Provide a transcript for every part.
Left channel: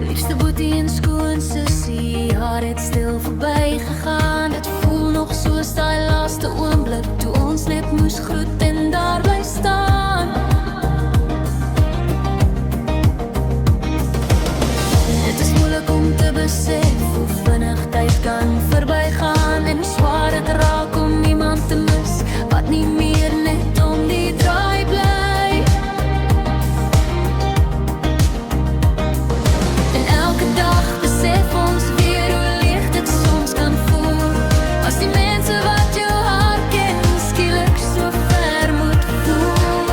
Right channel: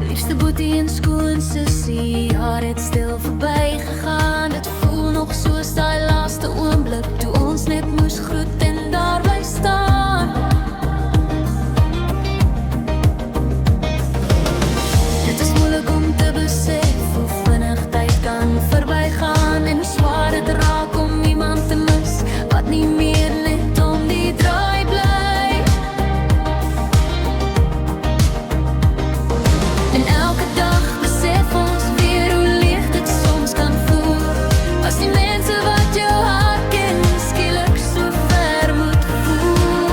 Liefste boetie en skoon sussie, haar het stil verby gegaan. Dit voel nog soos daai laaste oomblik toe ons net moes groet en daar bly staan. Dit is moeilik om te besef hoe vinnig tyd kan verbygaan en hoe swaar het raak om iemand te mis wat nie meer net om die draai bly. En elke dag besef ons weer hoe leeg dit soms kan voel as die mense wat jou hart ken skielik so ver moet voel.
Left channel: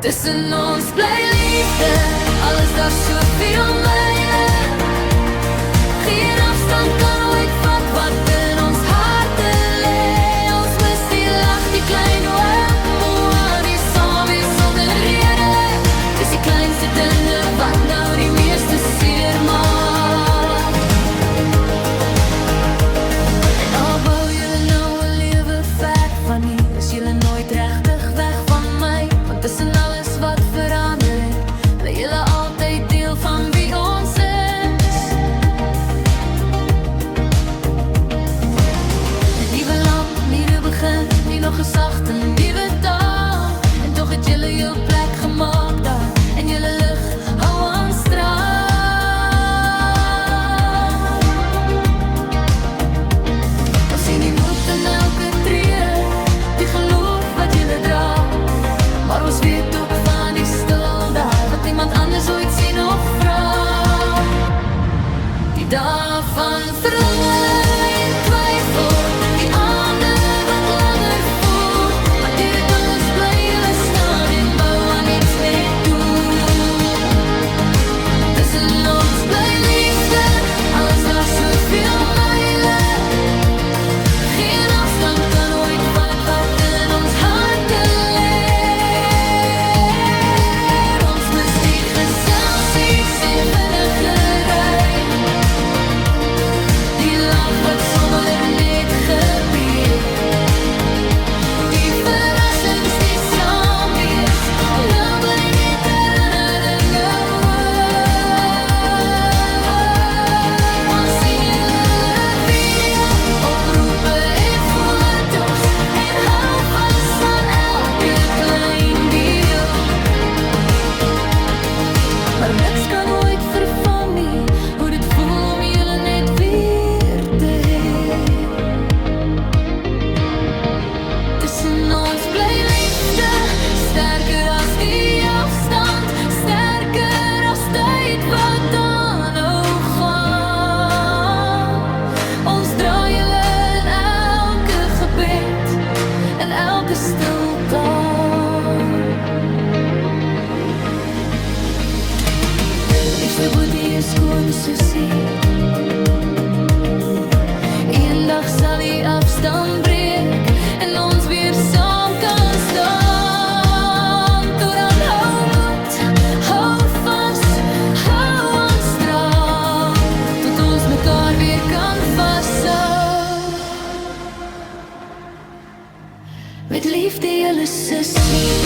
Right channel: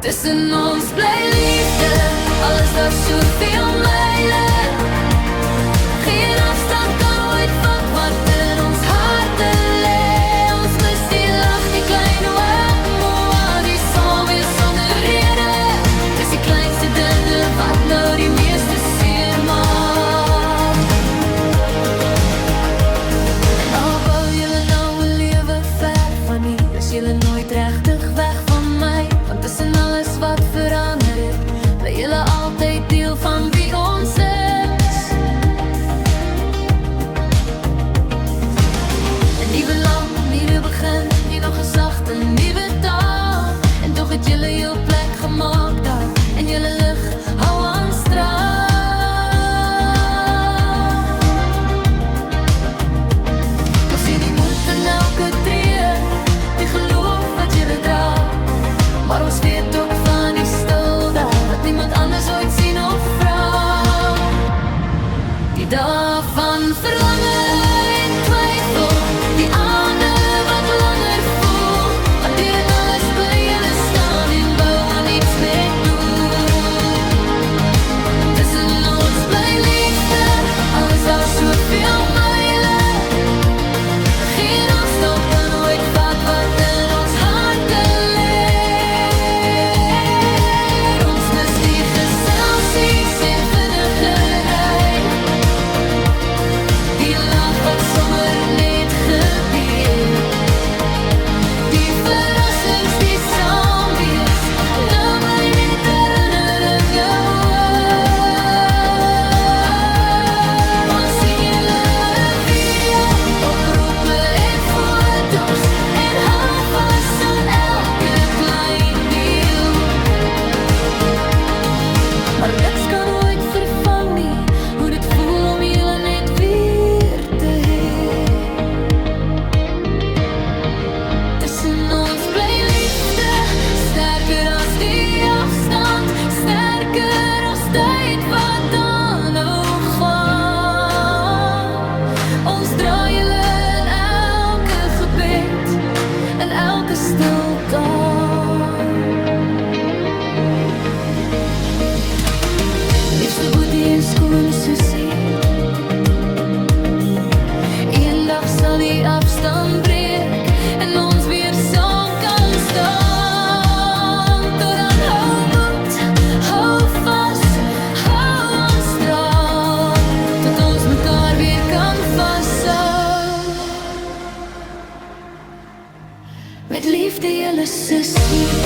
Tussen ons bly liefde, al is daar soveel myle. Geen afstand kan ooit vat wat in ons harte lê. Ons mis die lach, die klein oormoe, die saam wees sonder rede. Dis die kleinste dinge wat nou die meeste seer maak. En al bou julle nou 'n lewe ver van hier, is julle nooit regtig weg van my. Want tussen alles wat verander het, bly julle altyd deel van wie ons is. 'n Nuwe land, nuwe begin, nie nog 'n sagte nuwe taal. En tog het julle jou plek gemaak daar, en julle lig hou aan straal. Ons sien die moed in elke tree, die geloof wat julle dra. Maar ons weet ook van die stil daar, wat niemand anders ooit sien of vra. Die dae van verlange en twyfel, die aande wat langer voel. Maar deur dit alles bly julle staan en bou aan iets met doel. Tussen ons bly liefde, al is daar soveel myle. Geen afstand kan ooit vat wat in ons harte lê. Ons mis die geselsies en vinnige ry, die lach wat sommer net gebeur, die verrassings die saam wees, nou bly net herinneringe oor. Ons sien julle video, oproepe en foto's, en hou vas aan elke klein deel. Maar niks kan ooit vervang nie, hoe dit voel om julle net weer te hê. Tussen ons bly liefde, sterker as die afstand, sterker as tyd wat aanhou gaan. Ons dra julle in elke gebed, in elke stilte. Liefste boetie en skoon sussie, eendag sal die afstand breek en ons weer saam kan staan. Tot dan hou moed, hou vas, hou aan straal, tot ons mekaar weer kan vashou. Met liefde julle sussie.